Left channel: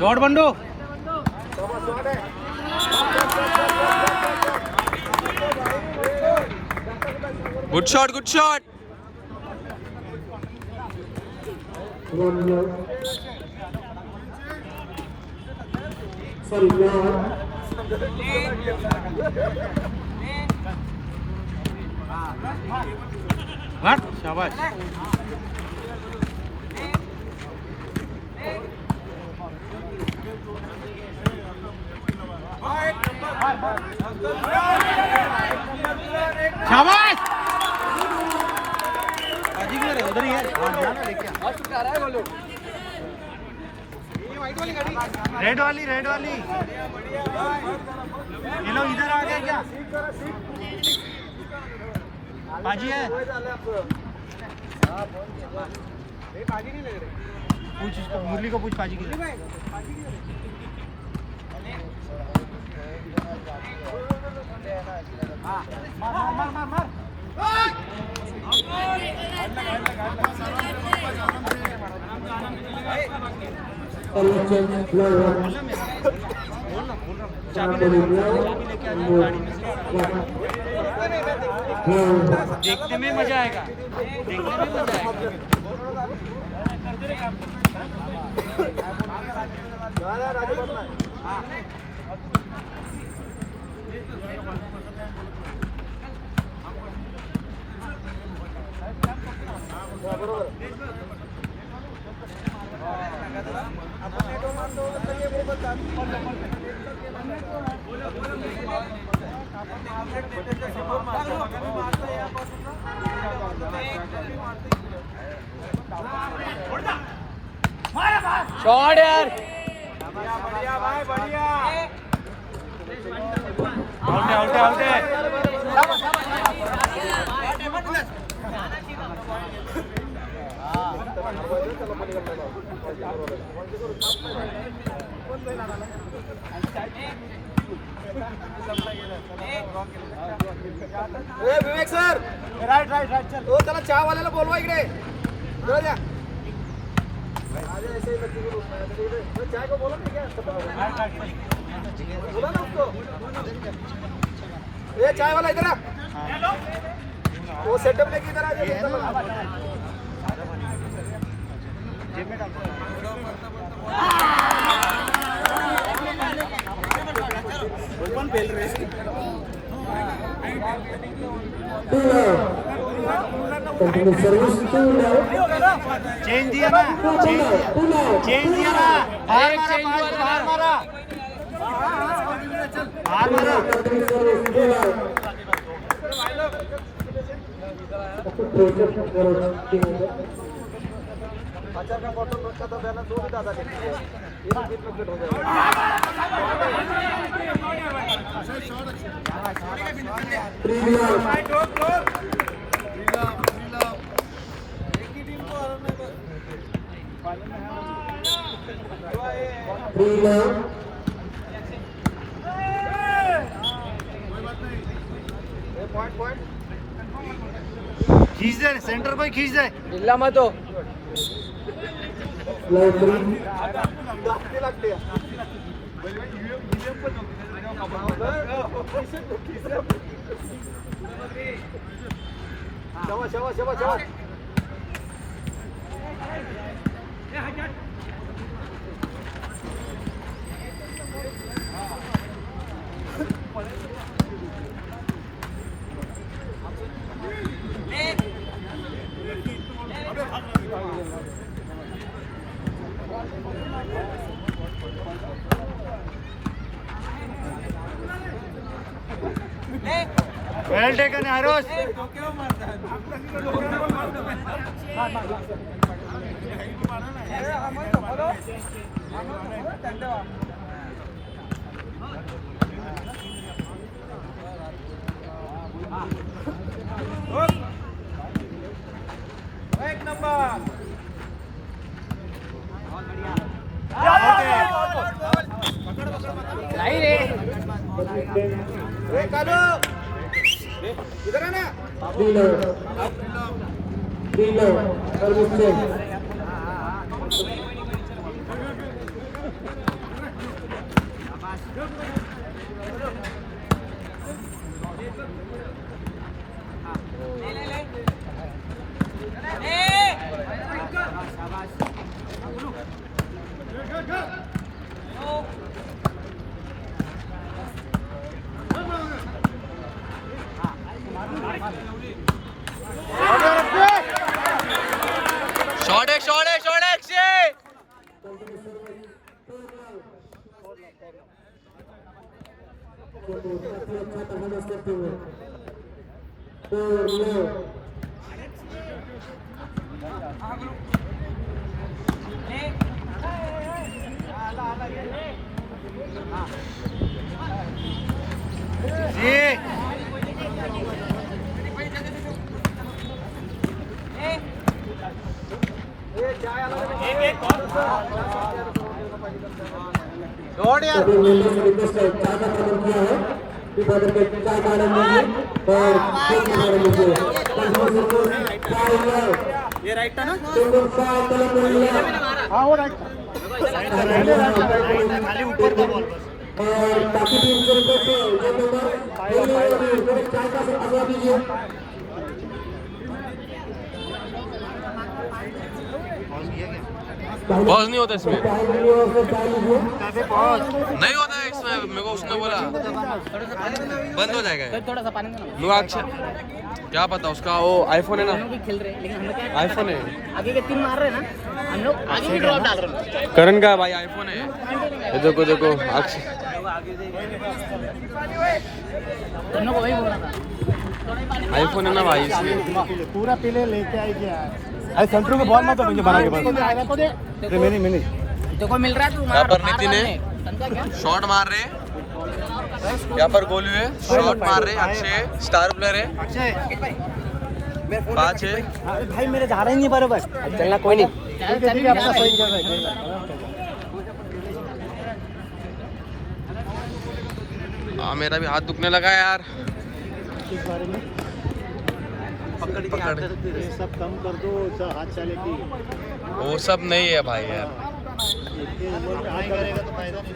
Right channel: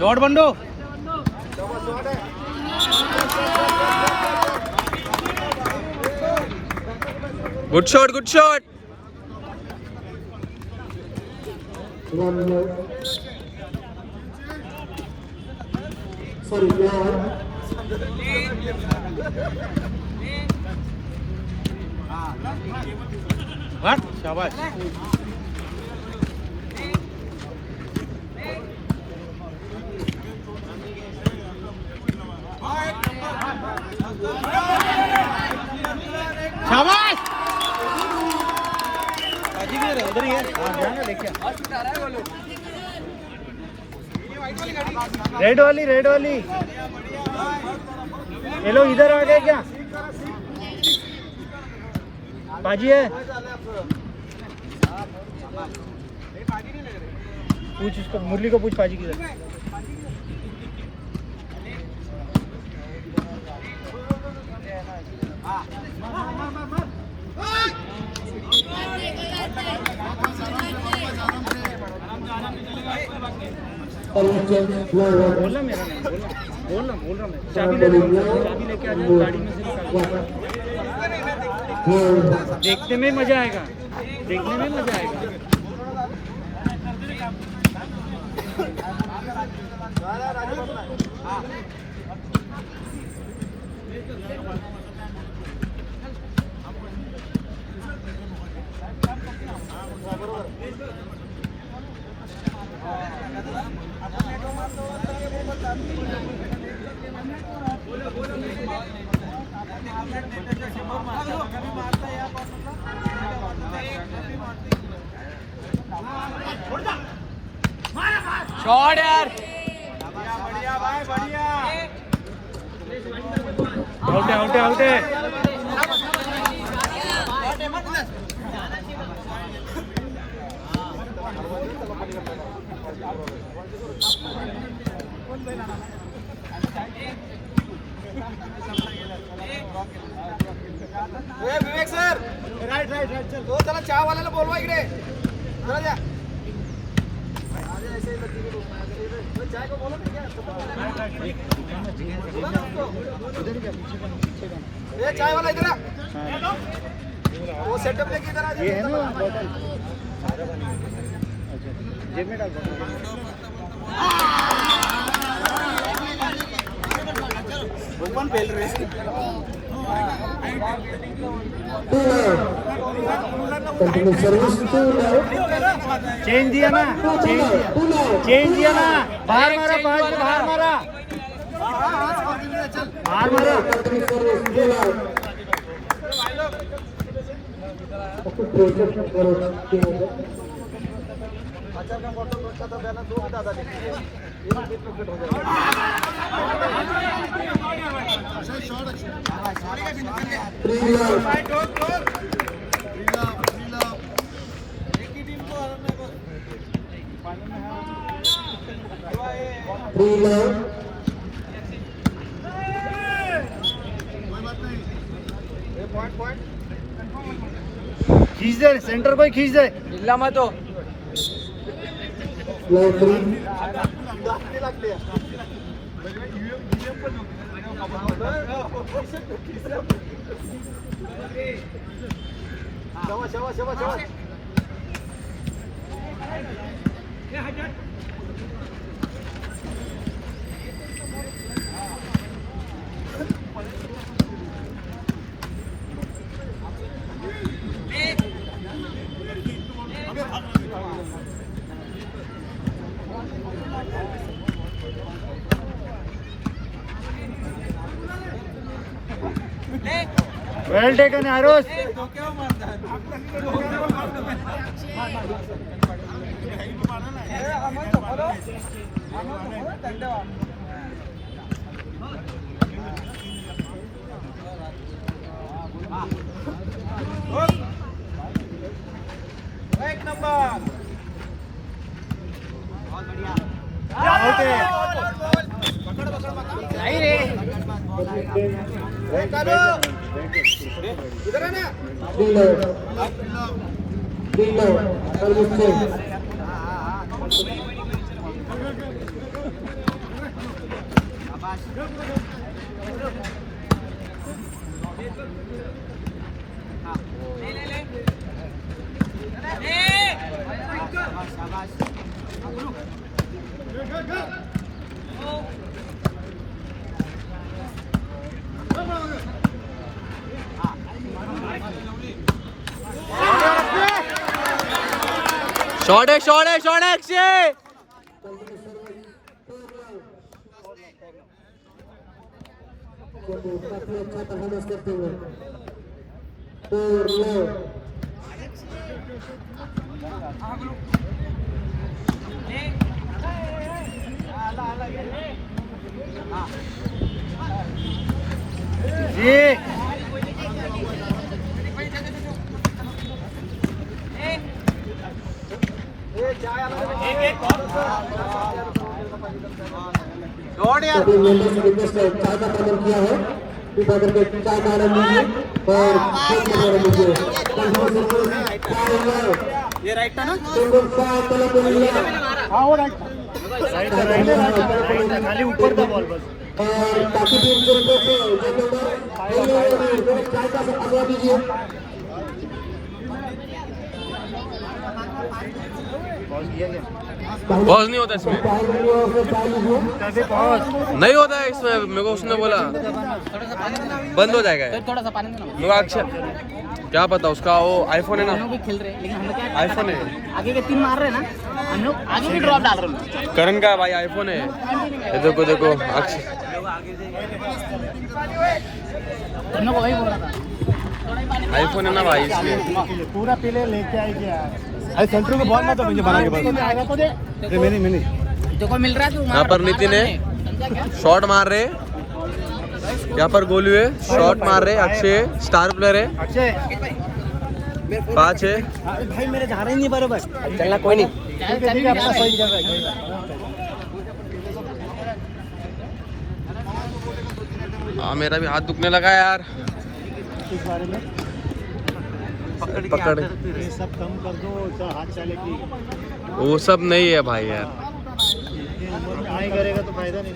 शॉट Bando good shot good shot शाबाश शाबाश उधर ही है रेड वाली ये लोग इधर आ गए क्या बाजी है पूछ उसको मुरली को पूछ बाजी की है देखने में मजा आएगा शॉट यार आउट विवेक सर राइट चल दो जरा चहा वाल्याला बोलवा इकडे ये चाय वाला इधर आ वो सेटअप लेके इधर आ ये है ना जेब में डाल ओपन फेल रहे कंटिन्यू सर्विस टू चेंज दिया ना बाहर मारा कंटिन्यू सर्विस खींच दे सेंटर को खींच दे हिलना मत हो Well taken, Aros. एक नंबर नहीं रे बहुत बढ़िया इधर आना शॉट है अक्षय. काफी अच्छा परफॉर्मेंस करते हुए 4-0 जी सभी मेंबर्स से रिक्वेस्ट है चाय का प्रबंध किया है कृपया करके चाय का आनंद लीजिए और खेल का आनंद लीजिए ये राइट था ना सिंगल चाय कलम लिया हाँ वो राइट और बाकी टीम से रिक्वेस्ट है जो मेंबर खेलने वाले चाय का आग्रह दीजिए पॉज नहीं होता इसमें. चाय लीजिए नहीं होता है इसमें. मेरे को उसने बोला बंद हो जाएगा. थोड़ा सा पानी में मेरे को अक्षय क्या पता उसका वो आईफोन है ना. खेल रहे हैं लेकिन हम लोग आईफोन है. आगे के 3 मार रहे हैं ना हम लोग आगे भी ड्रॉप डाल रहे हैं. करण का भाई आईफोन है. ये देखो अक्षय हम लोग वही बोल रहा था आईफोन है ना भाई. पूरा पीले लेके आई क्या अरे सेंटर को बहुत मत मुझे बना के बस ये मैंने तो को मिल रहा है तू यहाँ पर नितिन है. समझा क्या शॉट मार रहे. यहाँ पर गोलू है. शॉट मार रहे. अक्षय स्टार प्लेयर है. 5 है. अरे भाई मेरे जा रहे नहीं बराबर चलना कोई नहीं मेरा भी हाथ दुखने लगा यार. पकड़ वो सब नहीं है भाई यार. नहीं करेगा तो फायदा नहीं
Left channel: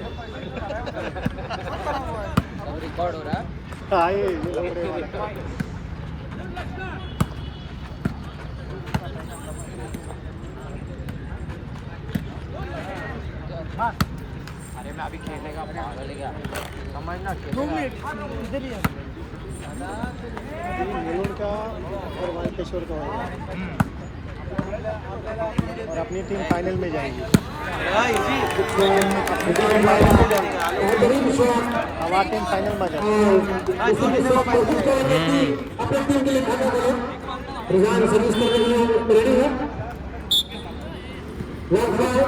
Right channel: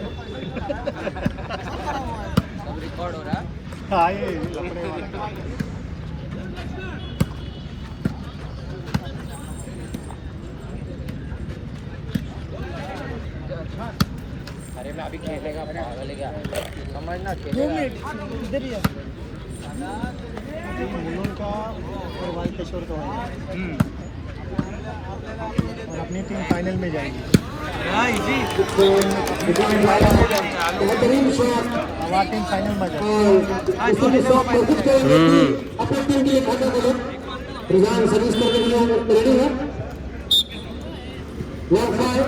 अपनी टीम फाइनल में जाएगी बेहतरीन शॉट और उसी के साथ कोशिश करेंगे कि अपनी टीम के लिए खाता करें. रिजान सर्विस करने के लिए रेडी है. लॉन्ग फाइव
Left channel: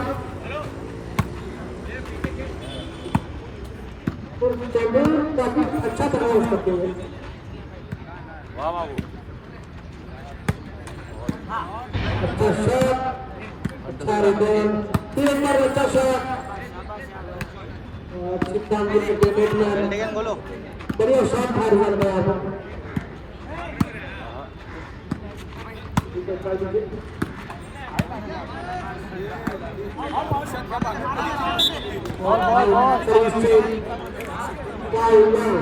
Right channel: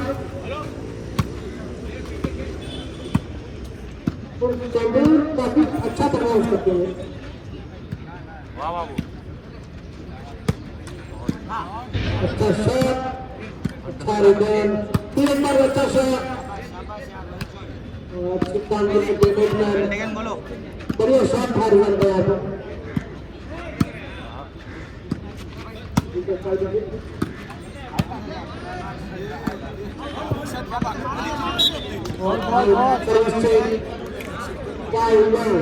तो तंदूर काफी अच्छा परफॉर्मेंस करते हैं. अच्छा शॉट अच्छा रिटर्न 3 नंबर अच्छा शॉट अच्छी काम करके बैट्समैन बढ़िया शॉट था रिजन का यहाँ पर. ठीक है फाइव विकेट और सर्विस से फाइव रन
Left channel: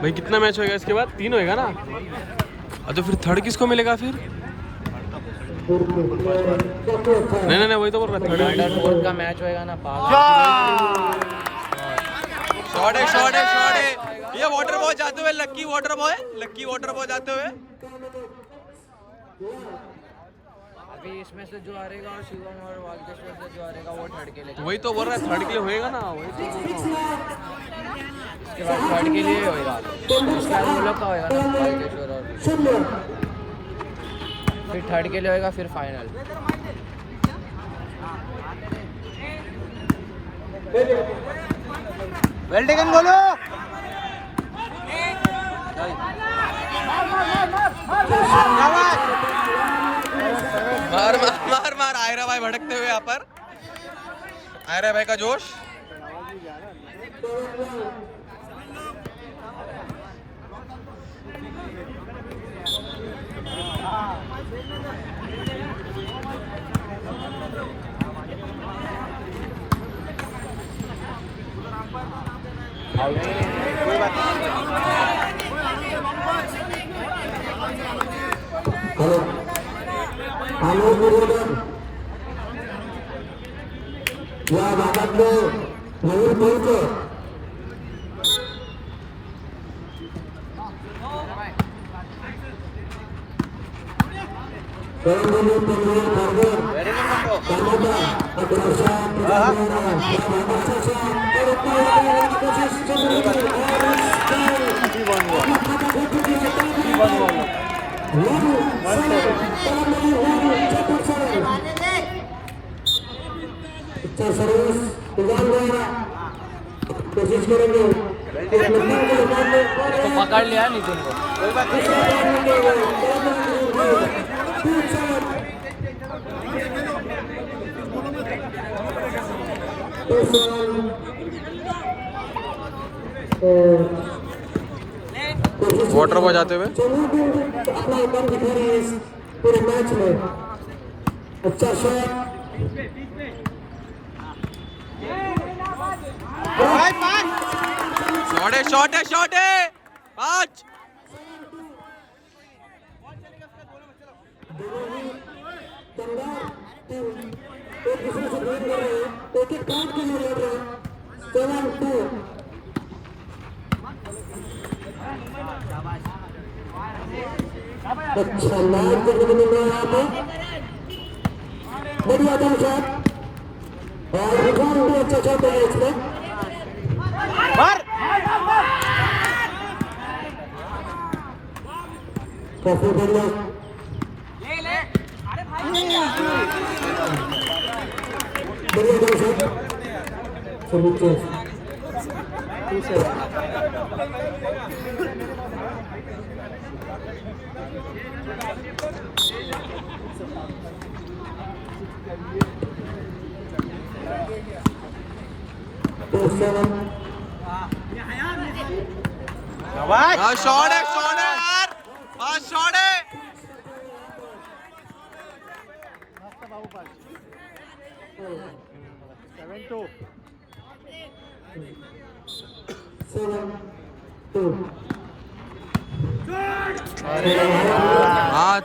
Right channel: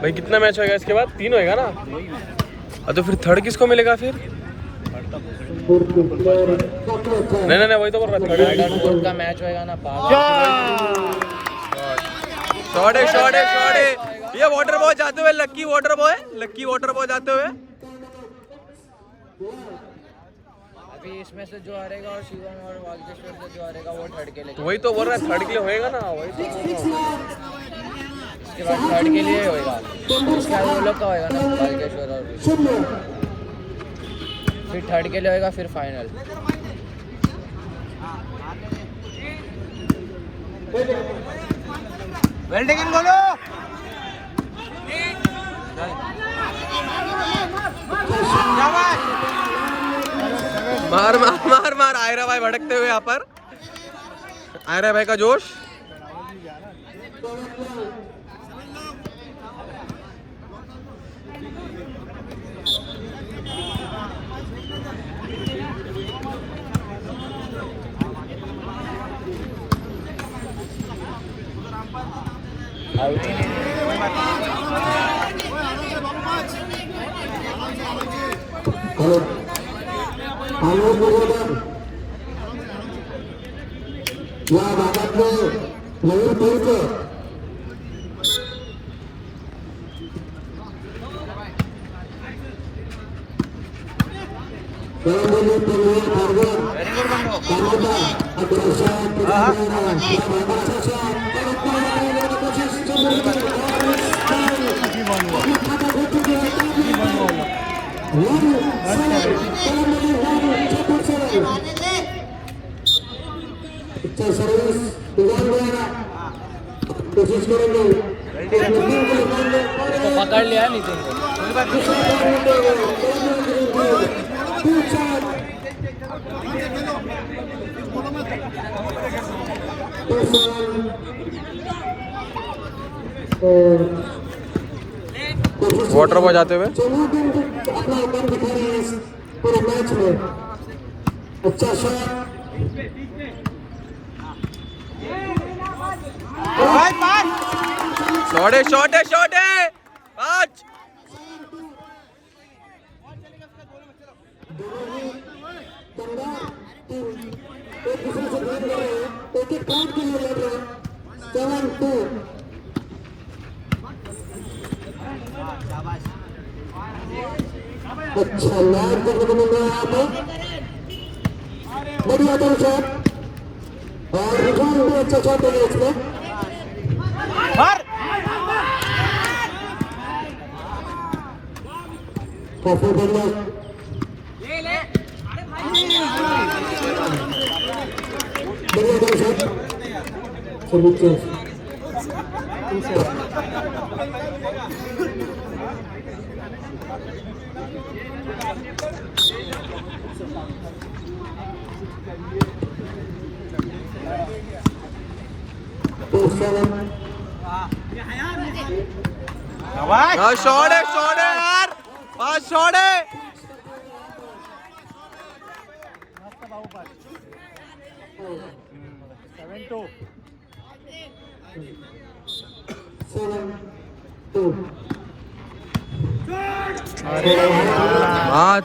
भाई कितना मैच होएगा इसके बाद? 3 होएगा ना. तो फिर थर्ड किसको मिलेगा फिर? नहीं वही तो बोल रहा. थर्ड का मैच होएगा ना. शॉट है. ये वाटर बॉय जाते हुए लक्की वाटर बॉय जाते हुए. अभी इसमें से जो हारेगा शिवम और वाल्केश्वर से जो हारेगा वो थर्ड के लिए. वही तो बोल रहा है थर्ड के लिए होएगा ना. वही तो बोल रहा हूँ. थर्ड के लिए होएगा. हम लोग का होएगा ना वाल्केश्वर और फिर थर्ड के लिए होएगा फिर फाइनल. वेल्डेगन बोलो मार मार मार मार आयरा भाई भड़कते हुए यहाँ पर आयरा भाई का जोश हेलो हेलो गुरुदेव या भागातले नवीन पैसे परमभूमी परवीन फारगर कामोटा अग्रसा पुजारना या भागाचा साथ और अपना कोशिश चल रही है और अपना खाता भेज चुके हैं Lalu, salam, salam lagi lalu, cepat salam. अच्छा सर्विस उड़ान द्वारा कोशिश करेंगे कि लंबी को लगाने और पकड़ लिया नितिन दूसरा बार वाटर बॉय जाते हुए अपना दम दिखा रही है इस पूरे मैच में अच्छा शॉट शॉट है पांच एक दूसरे से लड़ रहे हैं एक एक पॉइंट के लिए लड़ रहे हैं 7-2 अच्छा मैच देखने को मिल रहा है यहाँ पे बढ़िया दम शॉट और रिकॉर्ड भी अच्छा शॉट है इसमें काफी बढ़िया बढ़िया दम शॉट सर्विस 7 शॉट है यार शॉट है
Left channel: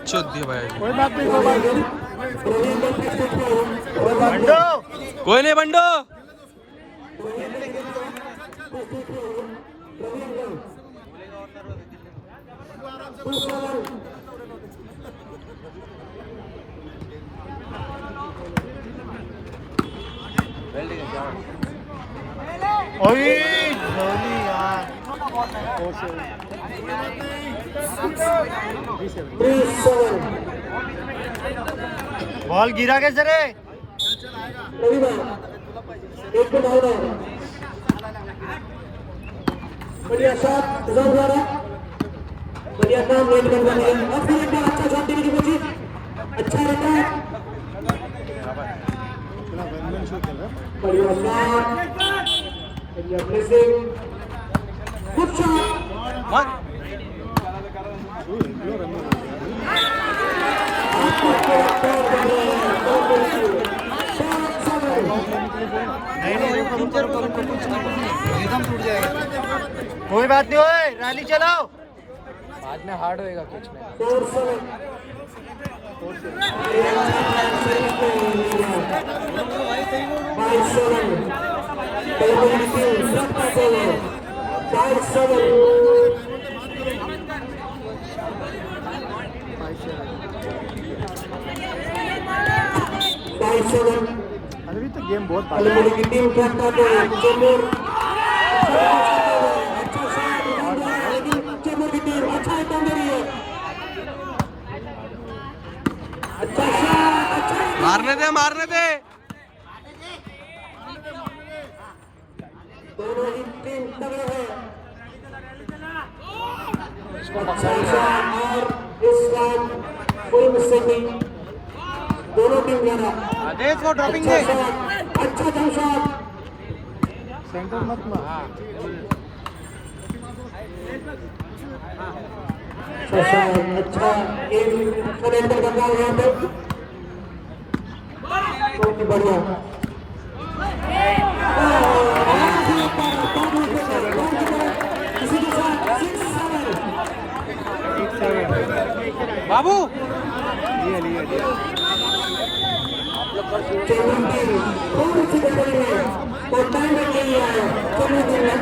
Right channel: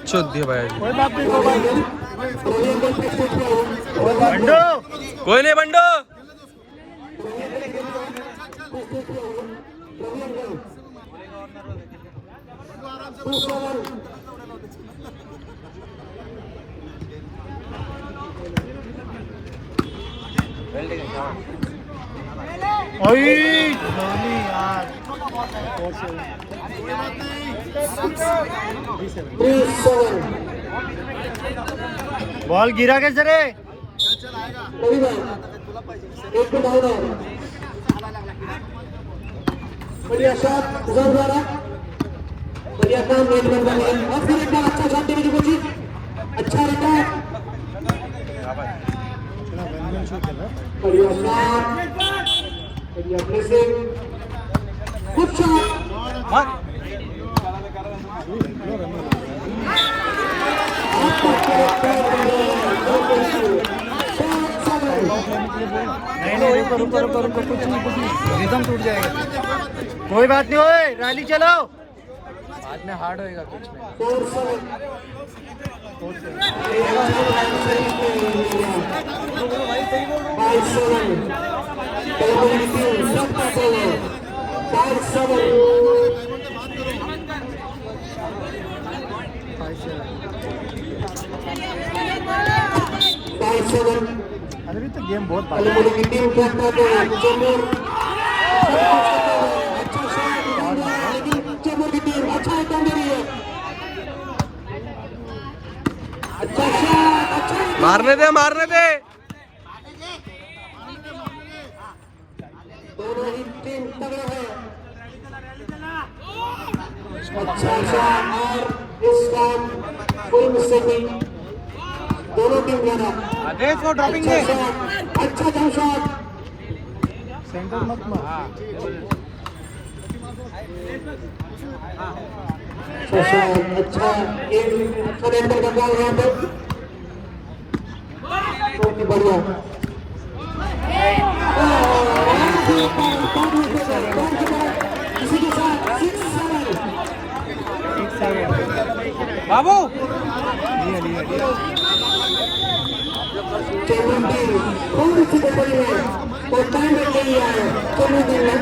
चौथी भाई कोई नहीं बंडो बॉल गिरा कैसे रे एक डाउन है बढ़िया शॉट द्वारा बढ़िया काम नेट बन गया और फिर एक बार अच्छा शॉट देने की कोशिश अच्छा रिकॉर्ड बढ़िया शॉट बढ़िया प्लेसिंग गुड शॉट नहीं रुको कुछ नहीं एकदम टूट जाएगा कोई बात नहीं ओए रैली चलो बाद में हार्ड होएगा कुछ अलमुनी की टीम करता है चेंबूर अच्छा शॉट लेकिन चेंबूर की टीम अच्छा आइटम दे रही है अच्छा शॉट अच्छा मारने दे दोनों ही टीम तगड़े हैं। अच्छा शॉट और इस शॉट कोई मिस्टेक नहीं, दोनों टीम जा रहा। अच्छा शॉट, अच्छा जंप शॉट। अच्छा गेम सरेंडर कर रहा है यहाँ पे, बहुत ही बढ़िया। इसी के साथ 6-7 बाबू चेन्नई टीम थोड़ी सी गड़बड़ी है और टाइम मिल रही है चेन्नई टीम में।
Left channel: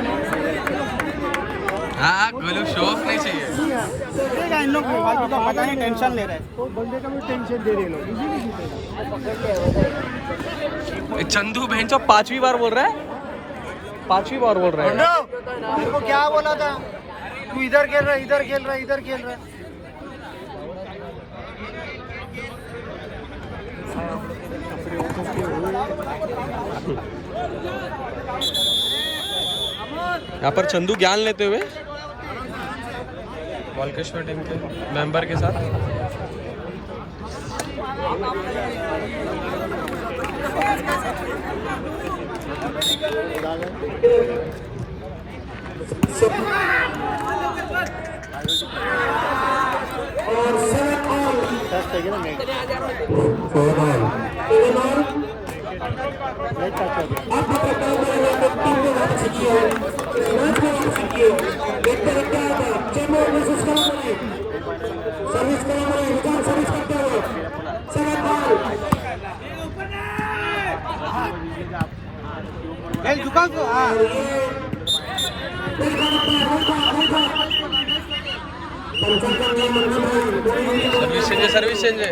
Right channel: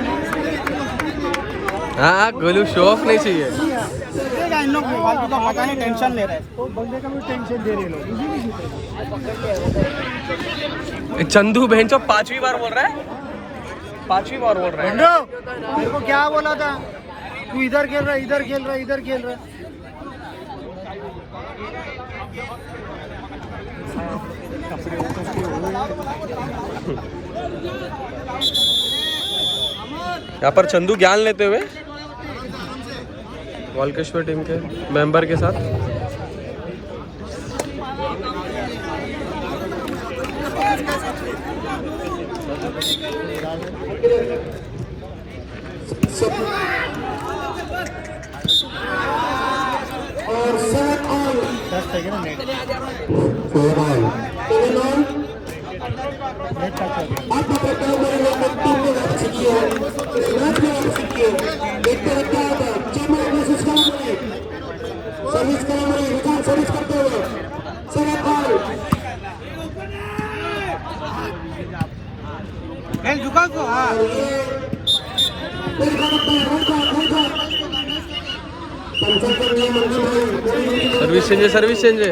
हाँ गोलू शो ऑफ नहीं चाहिए। इन लोग फालतू का पता नहीं टेंशन ले रहे हैं। चंदू बहन चो 5वीं बार बोल रहा है, 5वीं बार बोल रहा है। मेरे को क्या बोला था, तू इधर खेल रहा, इधर खेल रहा, इधर खेल रहा। यहाँ पर चंदू ज्ञान लेते हुए वालकेश्वर टीम के मेंबर के साथ। और 7 ऑल आप मतलब कल मेरे टीम में वापसी की है, मैच में वापसी की है। देखते हैं क्या होगा। चेन्नई वर्सेस कलामरी, सर्विस कलामरी, विकास सर्विस करते हुए 7 ऑल। और ये पंचायत का नियम सर्विस चेंज है, सर्विस चेंज है।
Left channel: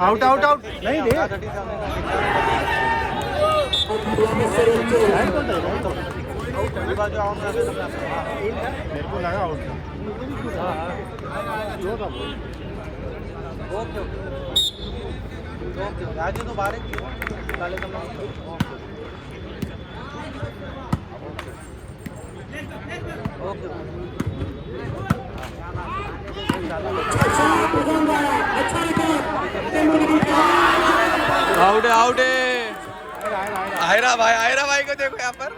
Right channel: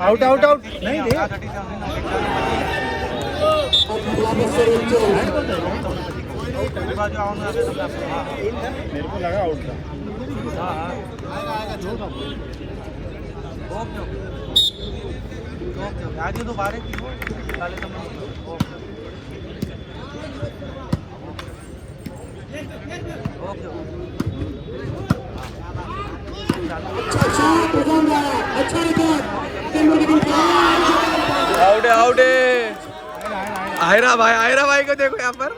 आउट आउट आउट नहीं रे। मेरे को लगा आउट। आउट है, आउट है। आयरा भाई को देखो यहाँ पर।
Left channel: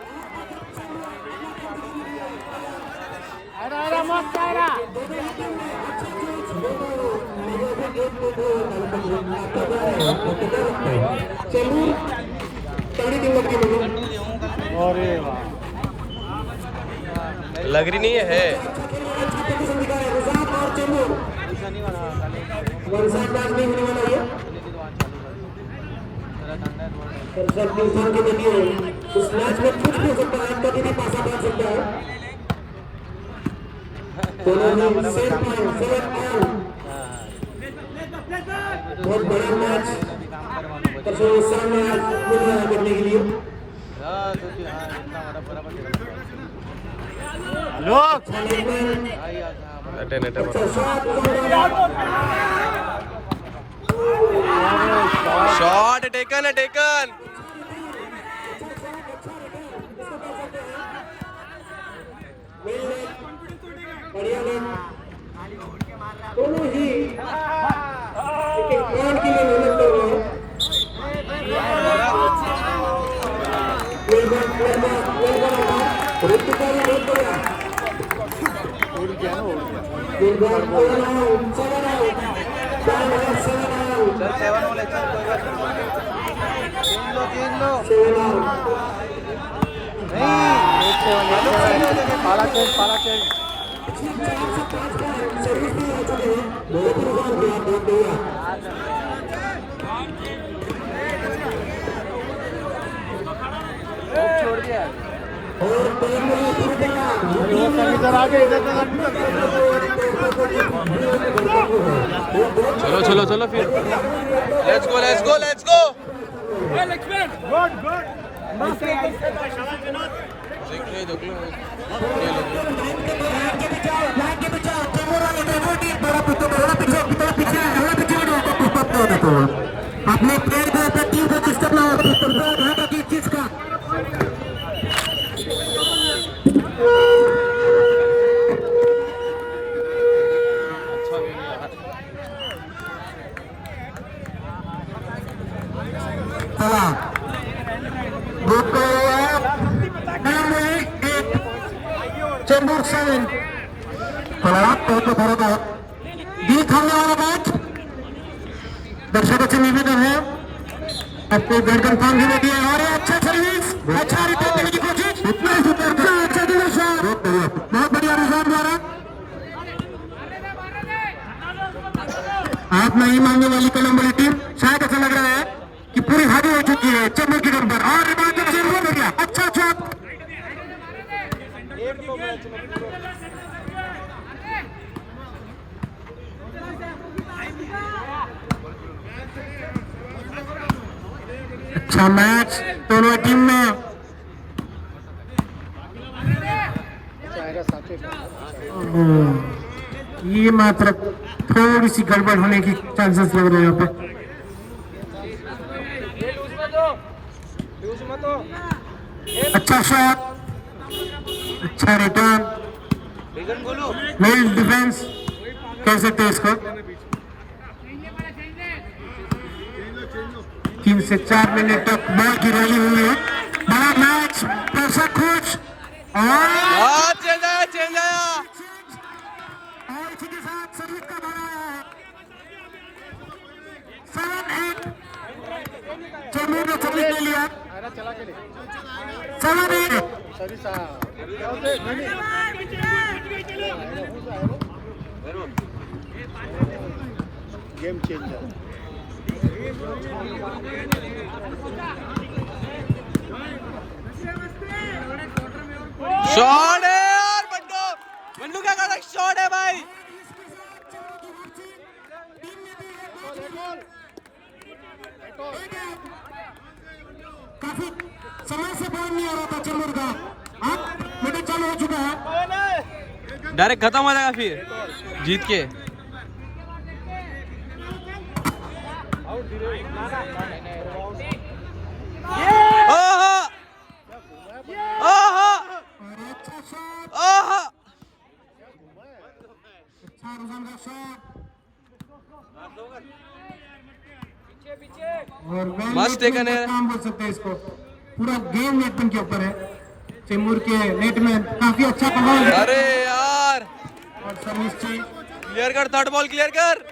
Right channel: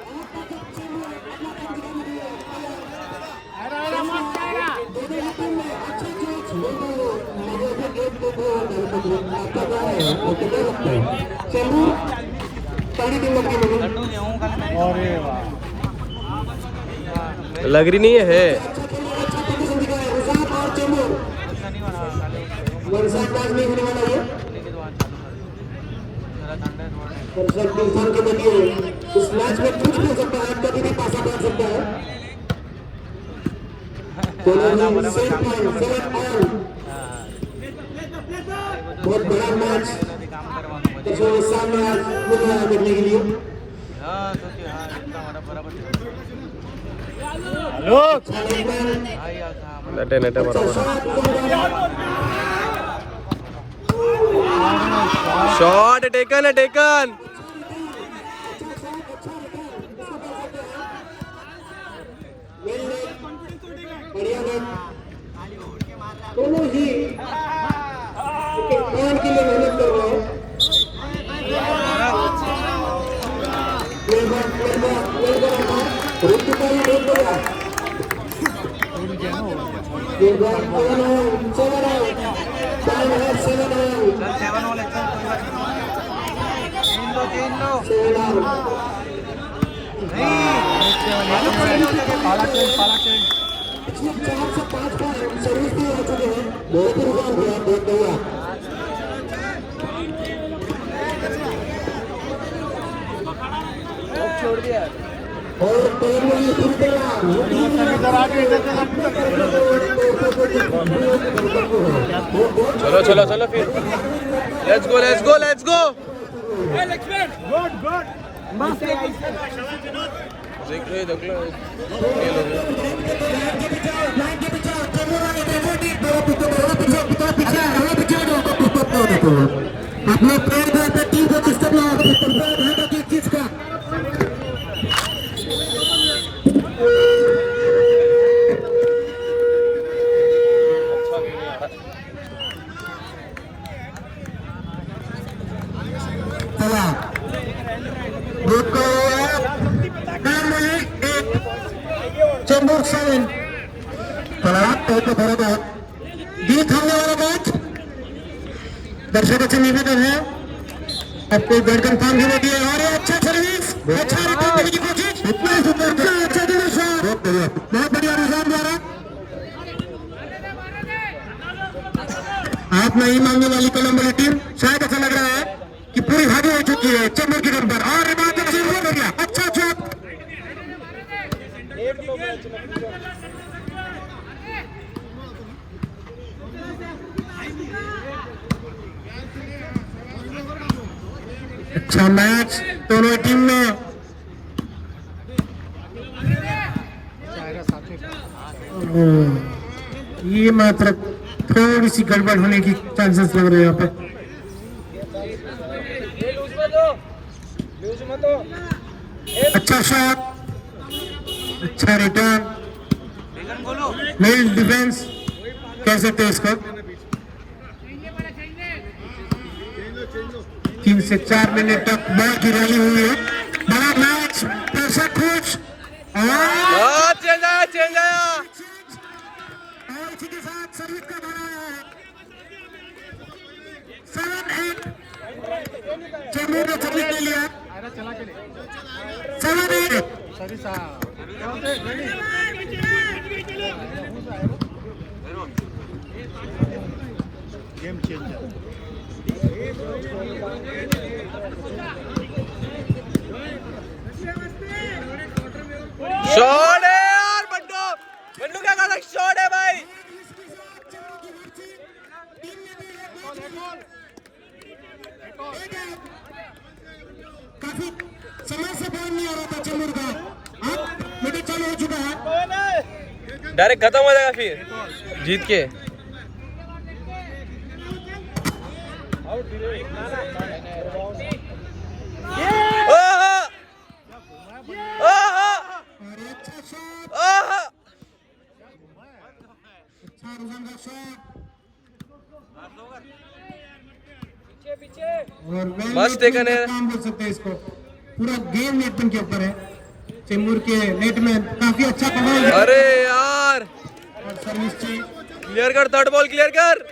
लग रही नहीं है। उस मैच में कुछ भी हो सकता है, कभी भी पासा पड़ सकता है। बहुत बड़ा मैच दर्शकों के सामने आज मिल रहा है देखने के लिए। नटे बराबर। शॉट टेकन है, टेकन। दोनों ही पॉइंट के लिए मेहनत कर रहे हैं। सर्विस भी आ चुके हैं, बहुत बढ़िया। और चलो चलो चलो फिर let's go let's go let's go आपले प्लेयर को आपल्या टीम को डिस्टर्ब ना हो ध्यान रखिए इस चीज का चेंबूर 7 दर्शकाचे निवेदन है आपको गर्दन काम देने दिए और अच्छा सर्विस अच्छा रिटर्न की कोशिश इतना सुंदर अच्छा दिनेश बहुत बढ़िया निजाम द्वारा आप नहीं मांगने वाली कलम वाली टीम शायद ऐसा लग रहा है कि पूरी हावी हो चुकी है चेंबूर की टीम पर और हो गया अच्छा शॉट अच्छा मैच दोनों टीम में ये मात्र थोड़ी सी गड़बड़ होने की चांसेस लग रहे हैं यहाँ पे अच्छा शॉट अच्छा रिटर्न वेल डिफेंस कह सकते हैं इसको 3 से 4 मिनट तक बॉल की रैली हुई है बड़ा मैच दर्शक खुश और चेंज आया और इसी के साथ सर्विस का धरा 7-8 चेंबूर ने सर्विस ले लिया 7-8 शॉट है यार बंडू क्या कर रहा है शॉट है भाई काफी समय से बॉल नहीं आ रहा था चेंबूर का अब मिनट चालू हो चुका है डायरेक्ट खत्म हो जाएगा फिर जीत के मस्त टेकन है काम बोल सकते हैं इसको पूरा गेम नेटपिन के ऊपर है चेंबूर के नेट में काफी अच्छा कमाल है अरे यार सर्विस चाहिए क्लियर कर थर्ड बॉल क्लियर कर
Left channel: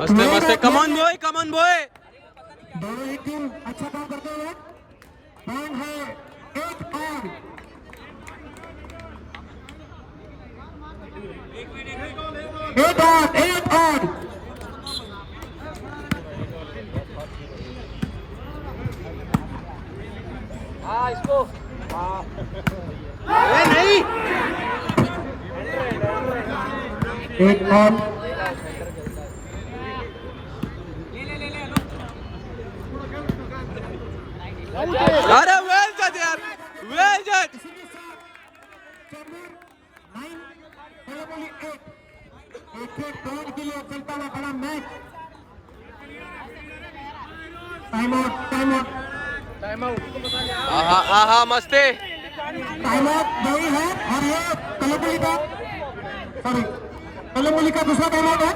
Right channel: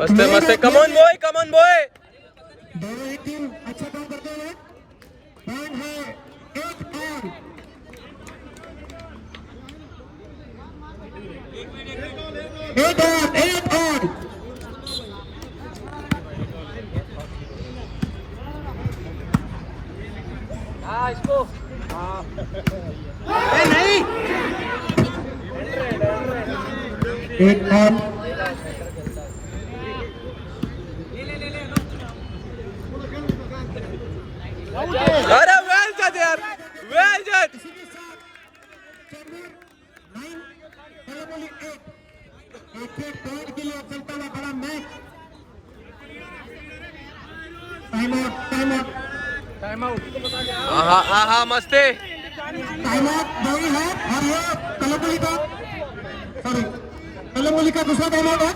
मस्त है मस्त है कम ऑन बॉय दोनों ही टीम अच्छा काम करती है पॉइंट है 8 8 इसको एक और अरे वेल जज यार वेल जज एक दौड़ के लिए चलता हुआ बड़ा मैच टाइम आउट आहा मस्ते टाइम आउट नहीं है और ये कलमली का दूसरा टाइम आउट है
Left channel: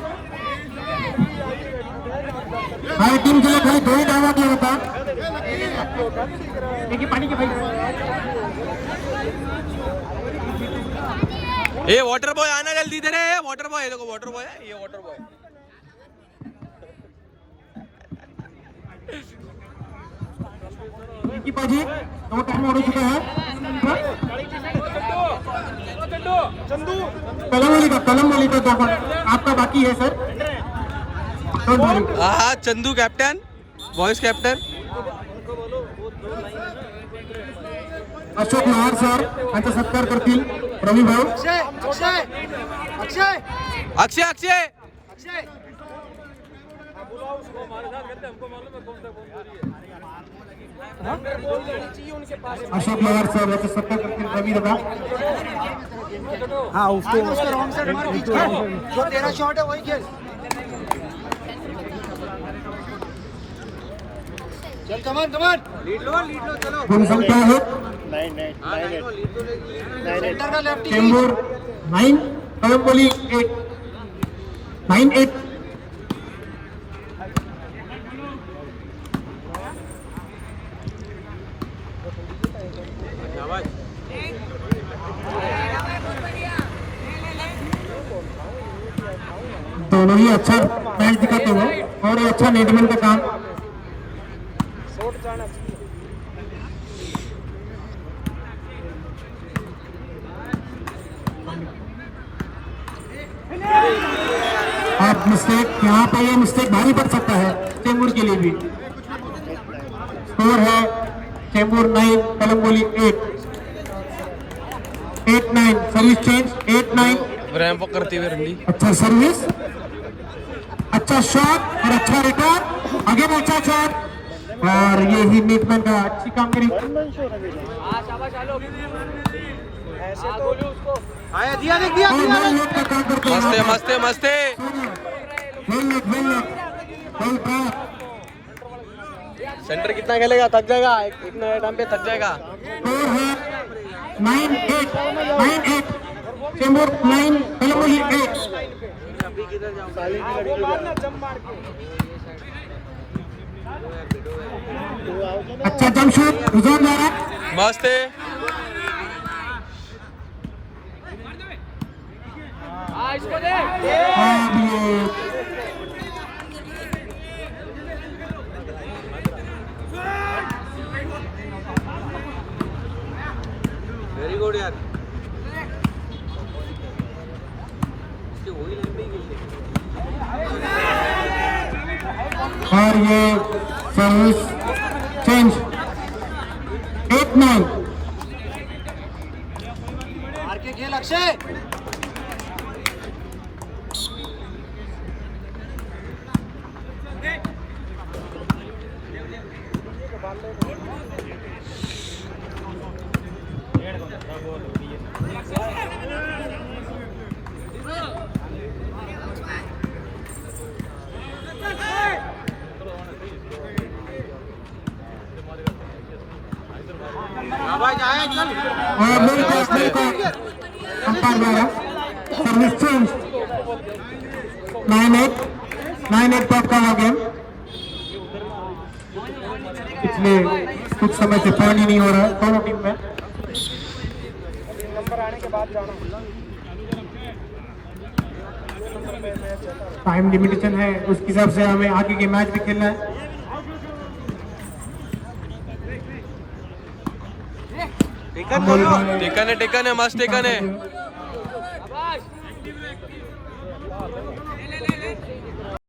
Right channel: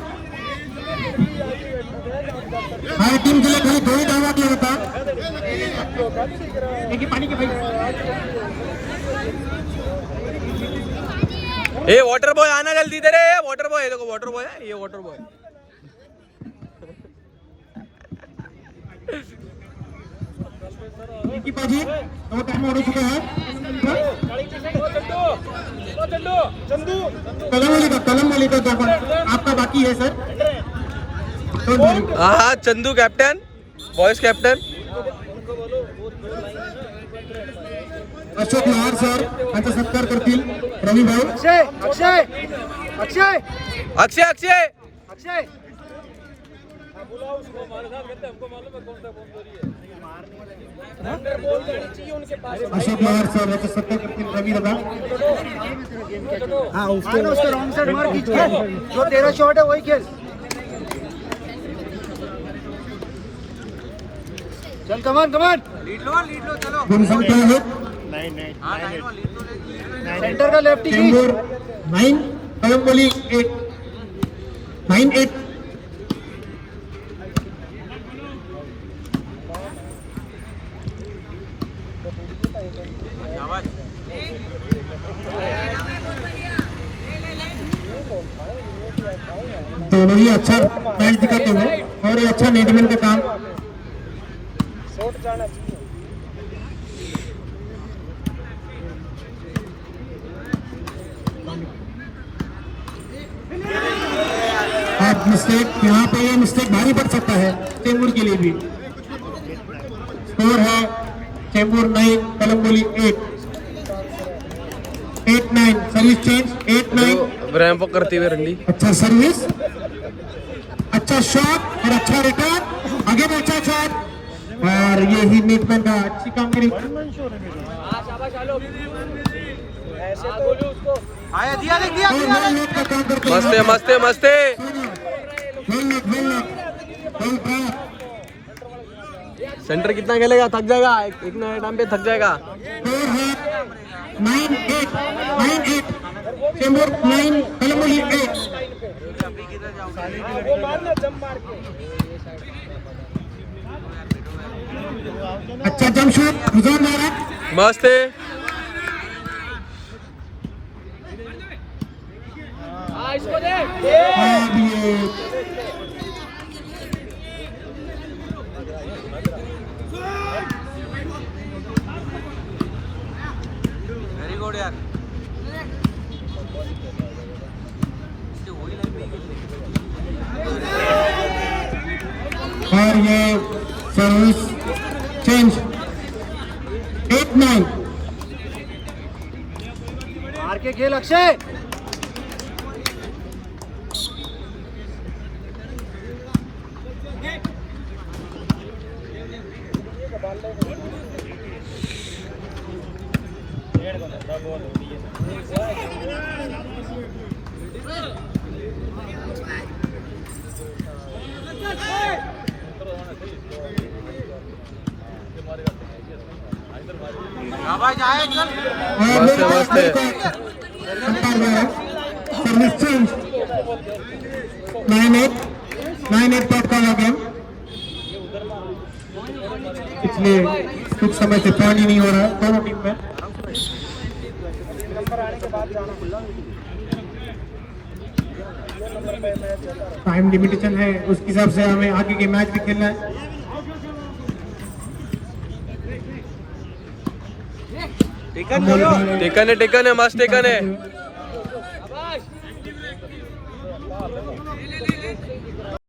ए वाटर बॉय आना जल्दी इधर है। वाटर बॉय देखो, वाटर बॉय है ये, वाटर बॉय। आपका बाकी है सर। हाँ Chandu captain, boys captain. Ashok Mahar सर यांचा सत्कार करतील। रवी भाऊ अक्षय अक्षय अक्षय अक्षय अक्षय अक्षय अशोक महार सर यांचा सत्कार करतील। रवी दादा हाँ उसको रॉन्ग साइड मार खींच के, जो तेरा शॉट है वही खेल। चल कमान कमान, गेम संख्या है सेंटर का लेफ्टी चेंबूर 9 कलंबोली 8 9-8। दोनों ही अच्छा मैच दिखाते हुए और अच्छा नेटमैन का काम। आप मिस्टेक यहाँ पर, ये मिस्टेक भारी पड़ सकता है चेंबूर के लिए भी। स्कोर है चेंबूर 9 कलंबोली 8-9। Service change 8-9। रैंप वॉक करते हुए रंडी। अच्छा सर्विस, अच्छा शॉट और अच्छा रिटर्न, अगेन अच्छा शॉट और ये ही नेटमैन का अच्छी कामगिरी। मस्ते मस्ते मस्ते। सेंटर कितना खेलेगा? थक जाएगा, इतना टाइम पे थक जाएगा। 9-8 चेंबूर 9 कलंबोली 8। अच्छा जमशेद रुझान जा रहा है। मस्ते। अब ये और ये सर्विस चेंज 8-9। मार के खेल अक्षय। मस्त मस्त। सर्विस चेंज 9-8 टॉप का हो गेम। पिछले कुछ समय से पॉइंट ही नहीं हो रहा दोनों टीम में। टाइम लिमिटेशन है, उसके हिसाब से हमें आगे के मैच भी खेलना है। टेकन है मस्त टेकन है।